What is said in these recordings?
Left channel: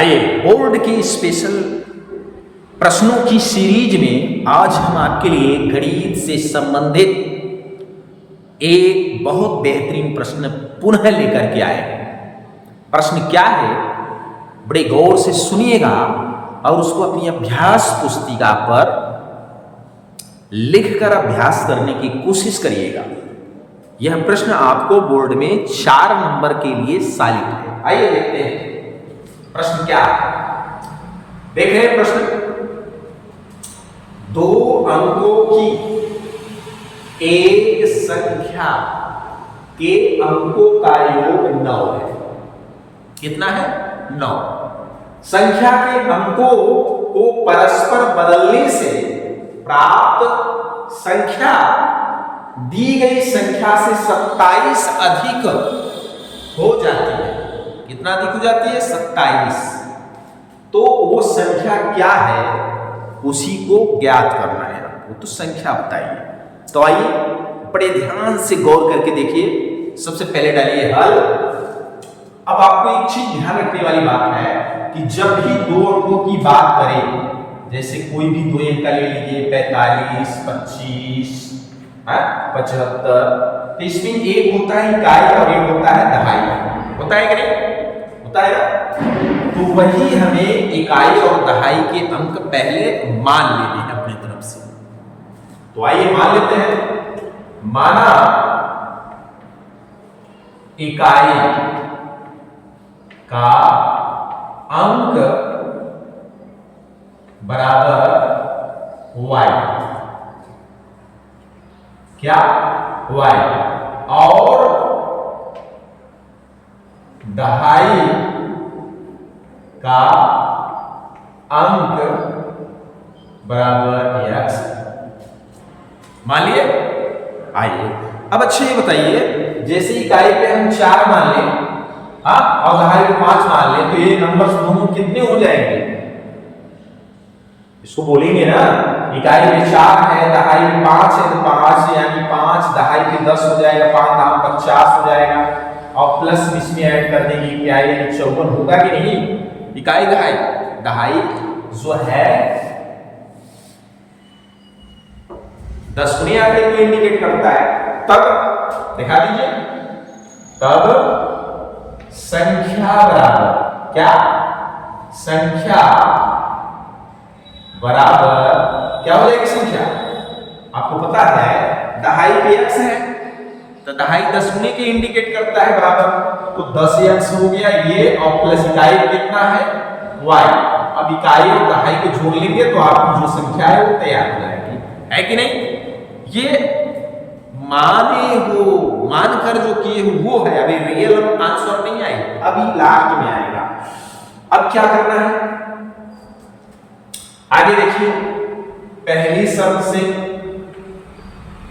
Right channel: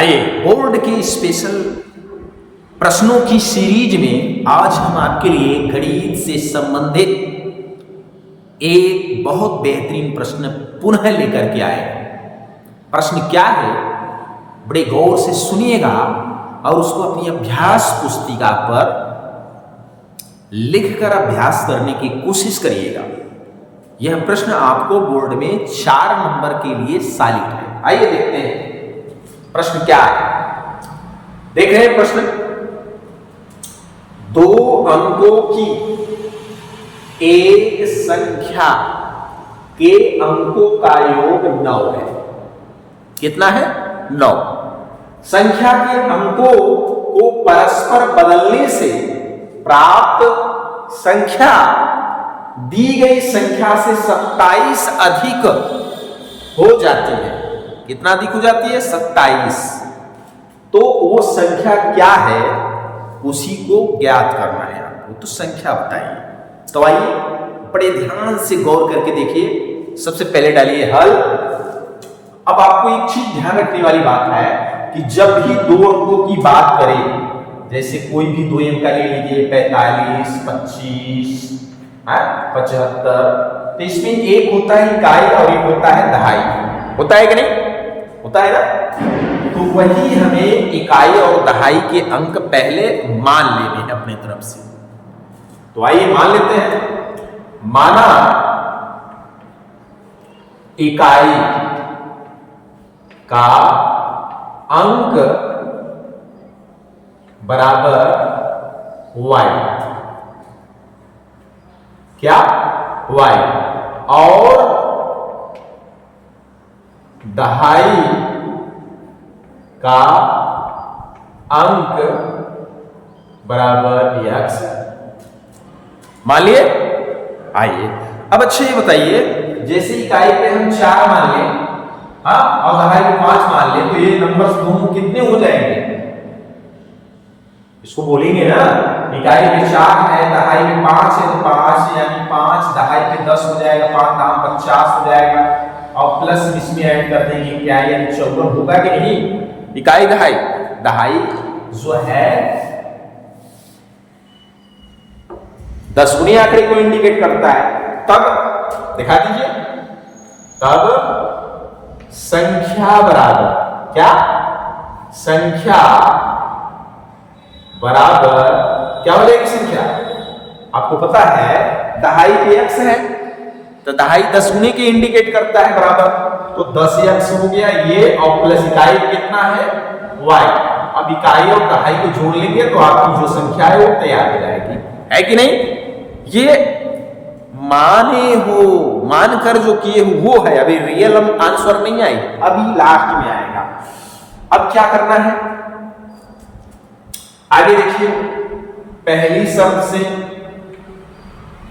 आइए बोर्ड की स्पेशल प्रश्नों की सीरीज में आज हम आपके लिए गणित से संबंधित एक बहुत बेहतरीन प्रश्न पुनः लेकर के आए हैं। प्रश्न क्या है, बड़े गौर से सुनिएगा और उसको अपनी अभ्यास पुस्तिका पर लिखकर अभ्यास करने की कोशिश करिएगा। यह प्रश्न आपको बोर्ड में 4 नंबर के लिए सॉलिड है। आइए देखते हैं प्रश्न क्या है। देख रहे हैं प्रश्न, 2 अंकों की एक संख्या के अंकों का योग 9 है। कितना है? 9। संख्या के अंकों को परस्पर बदलने से प्राप्त संख्या दी गई संख्या से 27 अधिक हो जाती है। कितना अधिक हो जाती है? 27। तो वो संख्या क्या है, उसी को ज्ञात करना है आपको। तो संख्या बताइए। तो आइए बड़े ध्यान से गौर करके देखिए। सबसे पहले डालिए हल। अब आपको एक चीज ध्यान रखने वाली बात है कि जब भी 2 अंकों की बात करें, जैसे कोई भी 2 अंक का ले लीजिए, 45, 25, 75, तो इसमें एक होता है इकाई और एक होता है दहाई। होता है कि नहीं? होता है ना? तो वही हमें इकाई और दहाई के अंक पहले मान लेने हैं अपनी तरफ से। तो आइए मान लेते हैं। माना इकाई का अंक बराबर y, क्या? y, और दहाई का अंक बराबर x। मान लिए? आइए अब अच्छे ये बताइए, जैसे इकाई पे हम 4 मान लें, और दहाई पे 5 मान लें, तो ये नंबर्स दोनों कितने हो जाएंगे? इसको बोलेंगे ना, इकाई पे 4 है, दहाई पे 5 है, तो 5 यानी 5, दहाई पे 10 हो जाएगा, 5 दाम 50 हो जाएगा, और प्लस इसमें ऐड कर देंगे इकाई यानी 54 होगा कि नहीं? इकाई दहाई, दहाई जो है 10 गुने आंकड़े को इंडिकेट करता है। तब दिखा दीजिए, तब संख्या बराबर क्या? संख्या बराबर क्या हो जाएगी? संख्या आपको पता है दहाई पे x है, तो दहाई 10 गुने के इंडिकेट करता है बराबर, तो 10x हो गया ये, और प्लस इकाई कितना है? y। अब इकाई और दहाई को जोड़ लेंगे तो आपकी जो संख्या है वो तैयार हो जाएगी, है कि नहीं? ये माने हो, मानकर जो किए हो वो है। अभी रियल आंसर नहीं आएगा, अभी लास्ट में आएगा। अब क्या करना है आगे देखिए। पहली शर्त से,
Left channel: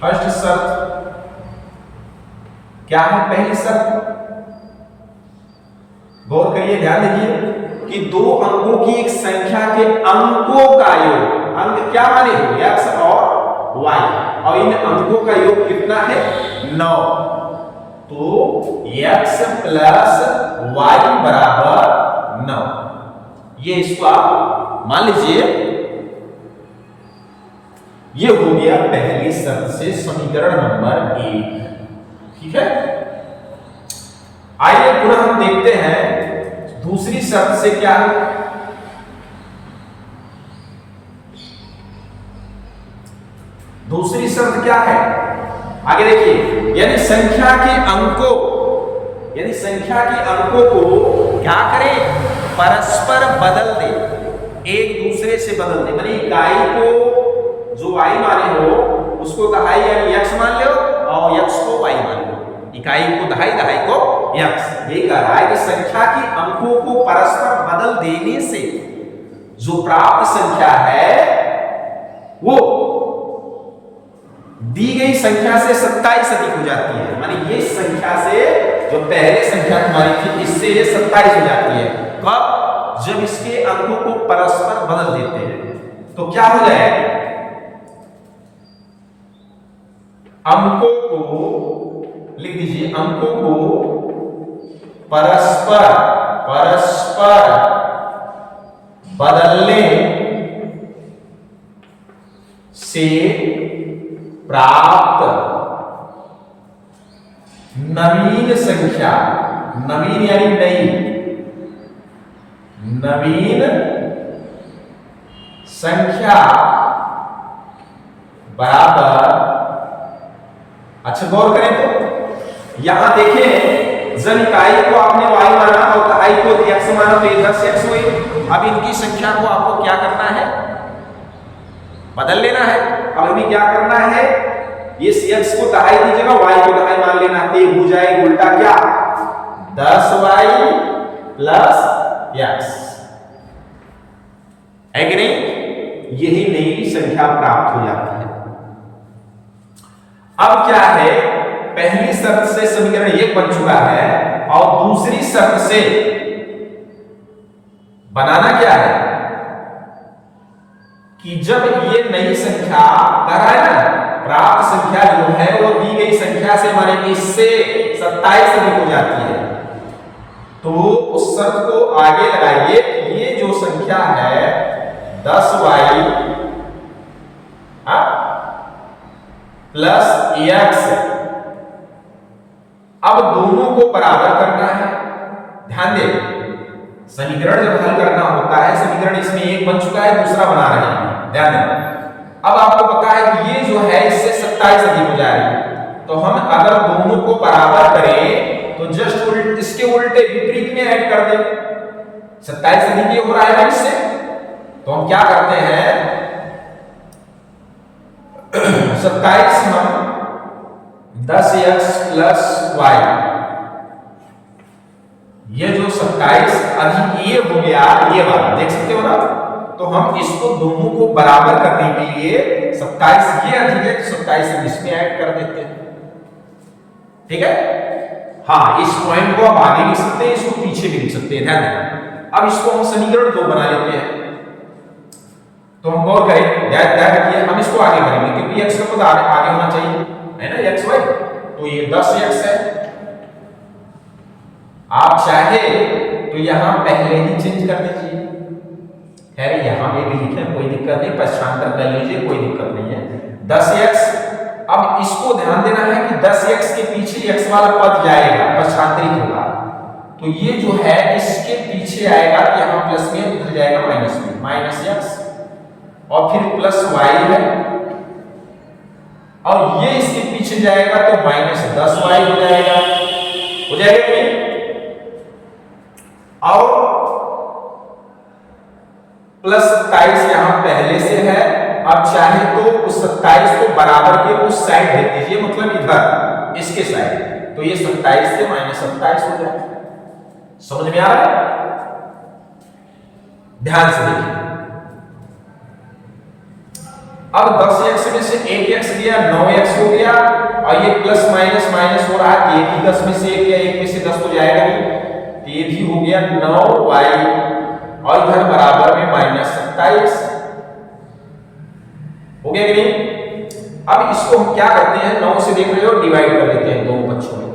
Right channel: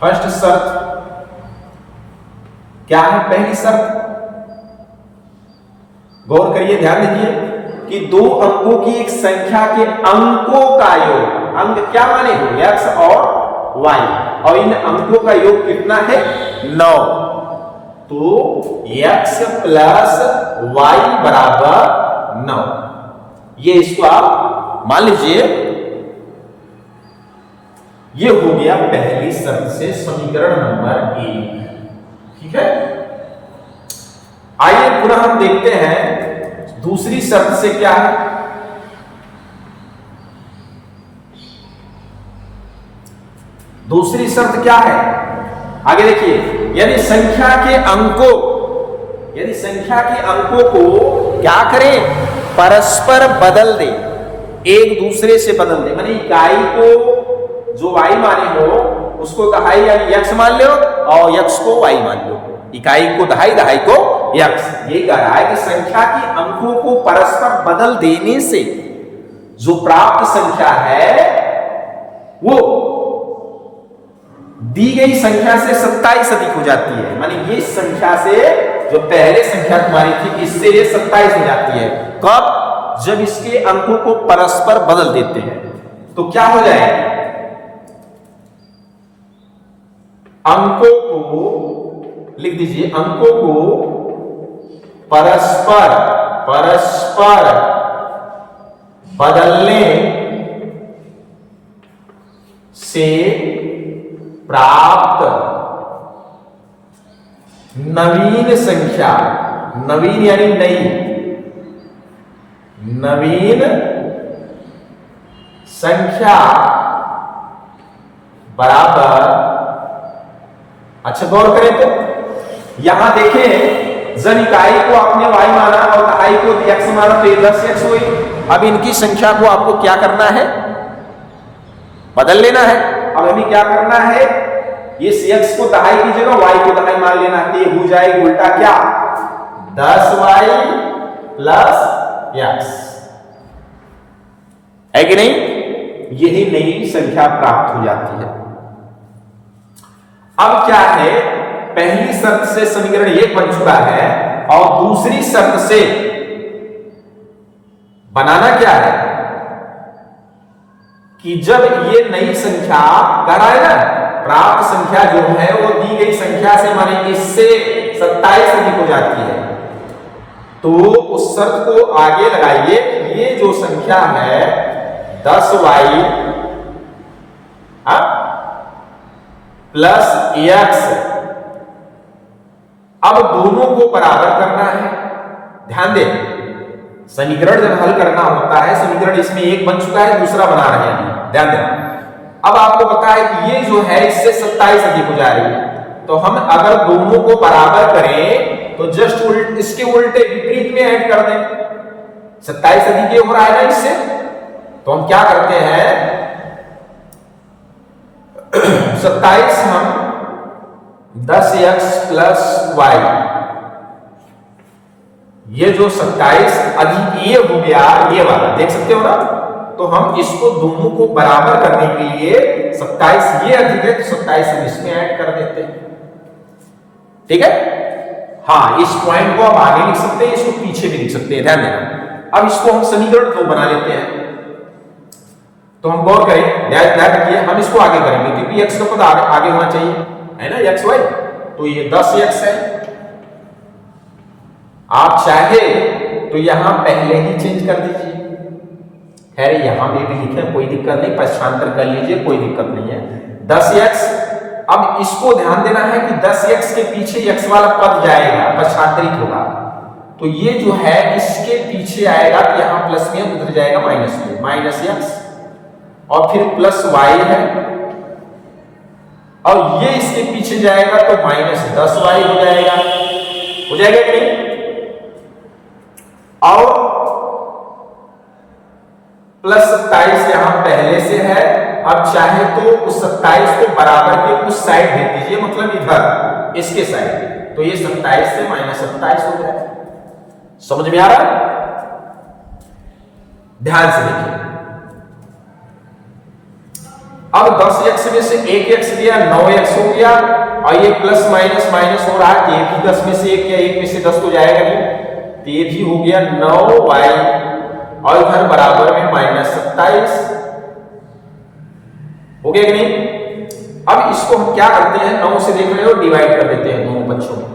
फर्स्ट शर्त क्या है? पहली शर्त गौर करिए, ध्यान दीजिए कि 2 अंकों की एक संख्या के अंकों का योग, अंक क्या माने हो? x और y, और इन अंकों का योग कितना है? 9। तो x प्लस y बराबर 9। ये इसको आप मान लीजिए, ये हो गया पहली शर्त से समीकरण नंबर 1। ठीक है, आइए पुनः हम देखते हैं दूसरी शर्त से क्या है। दूसरी शर्त क्या है? आगे देखिए, यदि संख्या के अंकों को क्या करें? परस्पर बदल दे, एक दूसरे से बदल दे। माने इकाई को जो y माने हो उसको दहाई यानी x मान लो, और x को y मान लो। इकाई को दहाई, दहाई को x। ये कह रहा है कि संख्या के अंकों को परस्पर बदल देने से जो प्राप्त संख्या है वो दी गई संख्या से 27 अधिक हो जाती है। माने ये संख्या से, जो पहले संख्या तुम्हारी थी, इससे ये 27 हो जाती है। कब? जब इसके अंकों को परस्पर बदल देते हैं। तो क्या हो जाएगा? अंकों को लिख दीजिए, अंकों को परस्पर बदलने से प्राप्त नवीन संख्या, नवीन यानी नई, नवीन संख्या बराबर, अच्छा गौर करें तो यहां देखें जन इकाई को आपने y माना और दहाई को x माना, तो ये 10x हुई। अब इनकी संख्या को आपको क्या करना है, बदल लेना है। अब हमें क्या करना है, ये x को दहाई की जगह y को दहाई मान लेना है, हो जाएगा उल्टा क्या, 10y प्लस x, है कि नहीं, यही नई संख्या प्राप्त हो जाती है। अब क्या है, पहली शर्त से समीकरण 1 बन चुका है और दूसरी शर्त से बनाना क्या है कि जब ये नई संख्या कर आए ना, प्राप्त संख्या जो है वो दी गई संख्या से माने इससे 27 अधिक हो जाती है, तो उस शर्त को आगे लगाइए, ये जो संख्या है 10y प्लस x, अब दोनों को बराबर करना है। ध्यान दें, समीकरण जब हल करना होता है, समीकरण इसमें एक बन चुका है, दूसरा बना रहे हैं, ध्यान दें। अब आपको पता है कि ये जो है इससे 27 अधिक हो जाएगी, तो हम अगर दोनों को बराबर करें तो जस्ट इसके उल्टे विपरीत में ऐड कर दें, 27 अधिक ये हो रहा है ना इससे, तो हम क्या करते हैं 27 हम 10x प्लस y, ये जो 27 अधिक ये हो गया, ये वाला देख सकते हो ना, तो हम इसको दोनों को बराबर करने के लिए 27 ये अधिक है तो 27 इसमें ऐड कर देते हैं, ठीक है। हाँ, इस पॉइंट को अब आगे लिख सकते हैं, इसको पीछे भी लिख सकते हैं, ध्यान देना। अब इसको हम समीकरण 2 बना लेते हैं, तो हम गौर करें, ध्यान रखिए, हम इसको आगे करेंगे क्योंकि x का पद आगे होना चाहिए, है ना, xy, तो ये 10x है। आप चाहे तो यहां पहले ही चेंज कर दीजिए, खैर यहां में भी लिखे कोई दिक्कत नहीं, पक्षांतर कर लीजिए, कोई दिक्कत नहीं है, 10x। अब इसको ध्यान देना है कि 10x के पीछे x वाला पद जाएगा, पक्षांतरित होगा, तो ये जो है इसके पीछे आएगा, तो यहां प्लस में उधर जाएगा माइनस में, माइनस x और फिर प्लस y है, और ये इसके पीछे जाएगा तो माइनस 10y हो जाएगा कि नहीं, और प्लस 27 यहां पहले से है। अब चाहे तो उस 27 को बराबर के उस साइड भेज दीजिए, मतलब इधर इसके साइड, तो ये 27 से माइनस 27 हो जाएगा। समझ में आ रहा है, ध्यान से देखिए। अब 10x में से 1x गया, 9x हो गया, और ये प्लस माइनस माइनस हो रहा है, ये भी 10 में से 1 या 1 में से 10 तो जाएगा नहीं, तो ये भी हो गया 9y, और इधर बराबर में माइनस 27 हो गया कि नहीं। अब इसको हम क्या करते हैं, 9 से देख रहे हो डिवाइड कर देते हैं दोनों पक्षों में,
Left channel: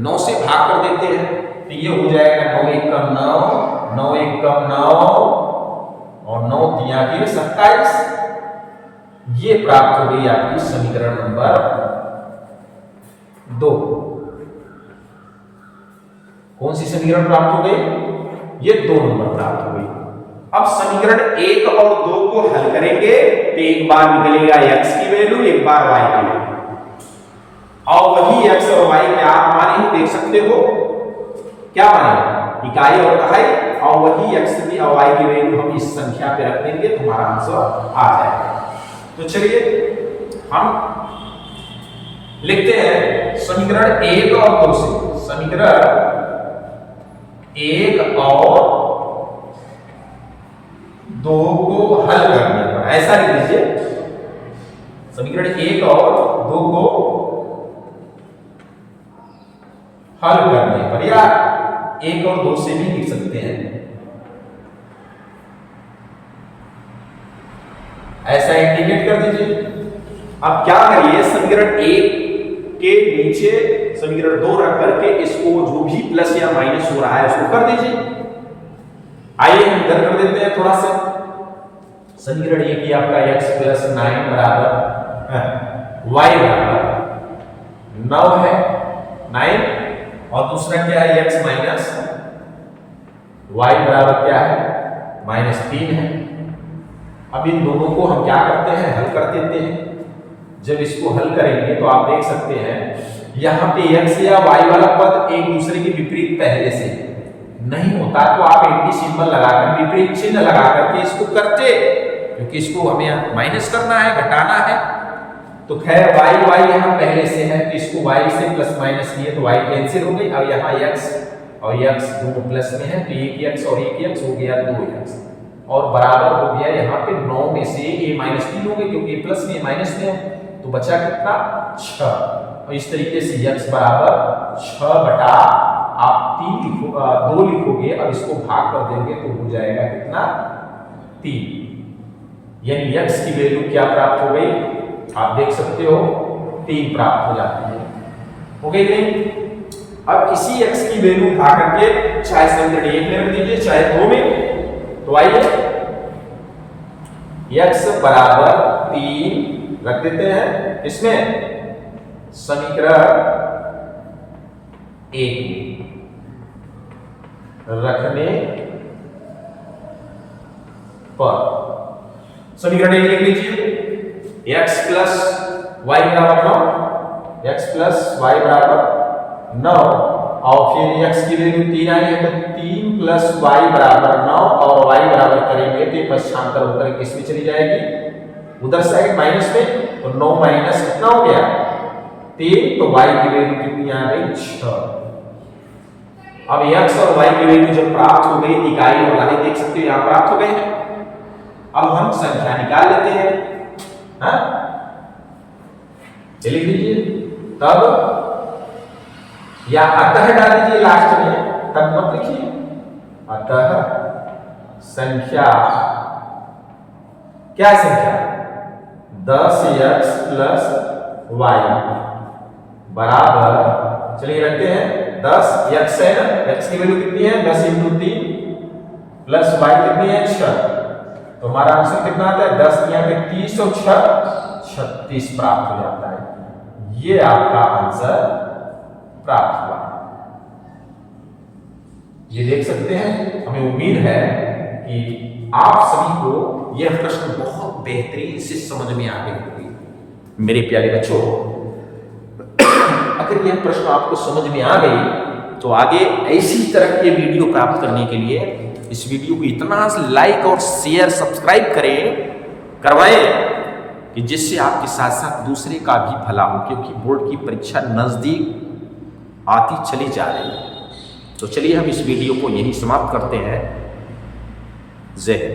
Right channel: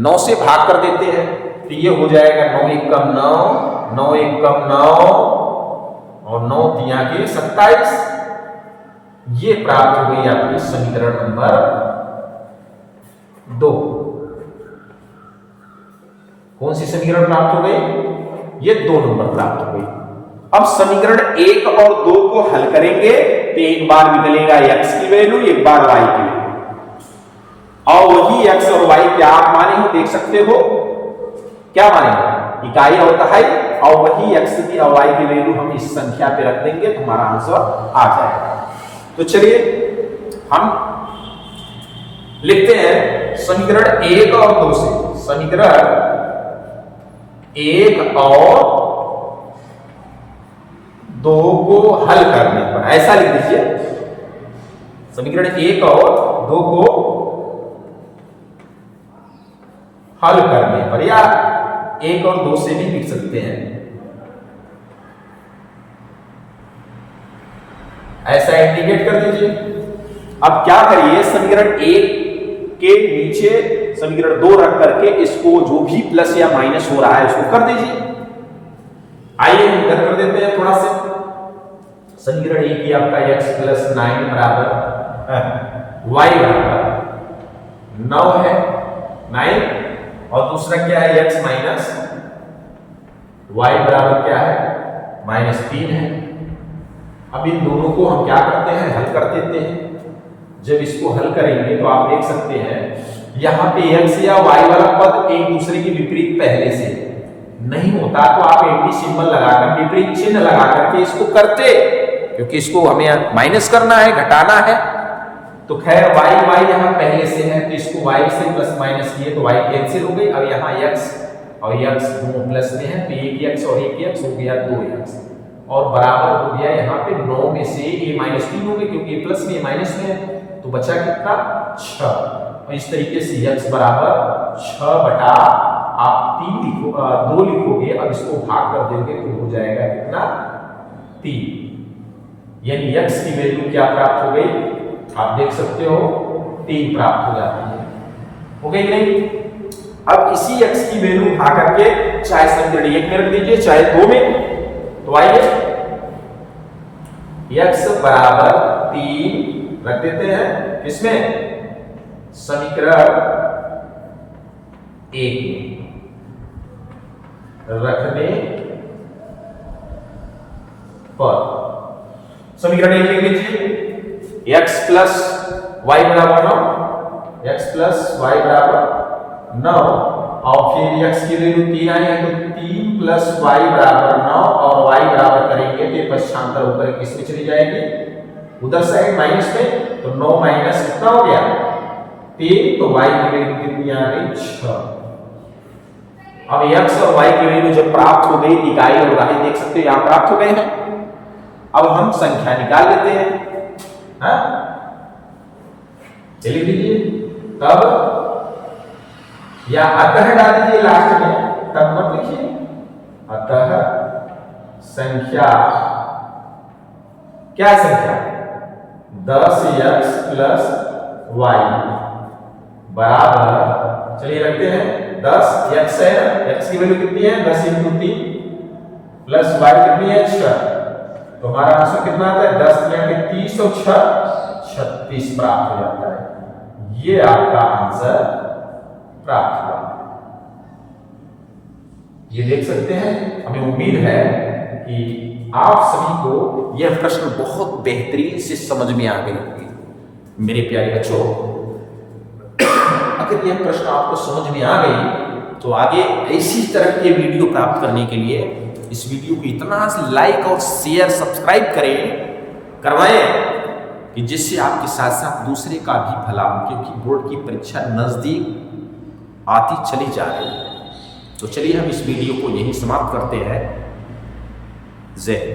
9 से भाग कर देते हैं, तो ये हो जाएगा 9 एकम 9, 9 एकम 9 और 9 दिया के 27, ये प्राप्त हो गई आपकी समीकरण नंबर 2। कौन सी समीकरण प्राप्त हो गई, ये 2 नंबर प्राप्त हो गई। अब समीकरण 1 और 2 को हल करेंगे तो एक बार निकलेगा x की वैल्यू, एक बार y की वैल्यू, और वही x और y क्या आप माने हो, देख सकते हो क्या माने, इकाई और दहाई, और वही x की और y की वैल्यू हम इस संख्या पे रख देंगे तो हमारा आंसर आ जाएगा। तो चलिए हम लिखते हैं समीकरण 1 और 2 से, समीकरण 1 और 2 को हल करने पर ऐसा लिख दीजिए, समीकरण 1 और 2 को हल करने पर, या 1 और 2 से भी लिख सकते हैं, ऐसा इंडिकेट कर दीजिए। अब क्या करिए, समीकरण 1 के नीचे समीकरण 2 रख करके इसको जो भी प्लस या माइनस हो रहा है उसको कर दीजिए। आइए हम इधर कर देते हैं थोड़ा सा, समीकरण एक ही आपका x प्लस 9 बराबर y बराबर 9 है 9, और दूसरा क्या है x माइनस y बराबर क्या है -3 है। अब इन दोनों को हम क्या करते हैं, हल कर देते हैं। जब इसको हल करेंगे तो आप देख सकते हैं यहाँ पे x या y वाला पद एक दूसरे के विपरीत पहले से नहीं होता तो आप एंटी सिंबल लगाकर विपरीत चिन्ह लगा करके इसको करते, क्योंकि इसको हमें माइनस करना है, घटाना है। तो खैर y यहाँ पहले से है तो इसको y से प्लस माइनस किए तो y कैंसिल हो गई। अब यहाँ x और x दोनों प्लस में है तो एक x और एक x हो गया 2x, और बराबर हो गया यहाँ पे 9 में से a -3 हो गई, क्योंकि a प्लस में a माइनस में है तो बचा कितना 6। और इस तरीके से x बराबर 6 बटा आप 2 लिखोगे। अब इसको भाग कर देंगे तो हो जाएगा कितना 3, यानी x की वैल्यू क्या प्राप्त हो गई, आप देख सकते हो 3 प्राप्त हो जाती है। हो गई नहीं? अब इसी x की वैल्यू उठा करके चाहे समीकरण 1 में रख दीजिए चाहे 2 में, तो आइए x बराबर 3 रख देते हैं किसमें, समीकरण 1 में रखने पर समीकरण 1 लिख लीजिए x प्लस वाई बराबर 9, x प्लस वाई बराबर 9, और फिर x की वैल्यू 3 आई है तो 3 प्लस वाई बराबर 9, और y बराबर करेंगे तो ये पक्षांतर होकर किस में चली जाएगी, उधर साइड माइनस में, तो 9 माइनस कितना हो गया 3, तो y की वैल्यू कितनी आ गई 6। अब x और y की वैल्यू जब प्राप्त हो गई, इकाई और दहाई देख सकते हो यहां प्राप्त हो गए हैं। अब हम संख्या निकाल लेते हैं, हाँ लिख दीजिए, तब या अतः डाल दीजिए लास्ट में, तब मत लिखिए। अतः संख्या क्या है, संख्या 10x प्लस वाई बराबर, चलिए रखते हैं 10x है ना, x की वैल्यू कितनी है 10 × 3 प्लस y कितनी है 6, तो हमारा आंसर कितना आता है 10 यहाँ के 30 और 6 36 प्राप्त हो जाता है। ये आपका आंसर प्राप्त हुआ। ये देख सकते हैं, हमें उम्मीद है कि आप सभी को यह प्रश्न बहुत बेहतरीन से समझ में आ गई होगी। मेरे प्यारे बच्चों, अगर यह प्रश्न आपको समझ में आ गई तो आगे ऐसी तरह के वीडियो प्राप्त करने के लिए इस वीडियो को इतना लाइक और शेयर सब्सक्राइब करवाएं कि जिससे आपके साथ साथ दूसरे का भी भला हो, क्योंकि बोर्ड की परीक्षा नजदीक आती चली जा रही है। तो चलिए हम इस वीडियो को यही समाप्त करते हैं। जय हिंद।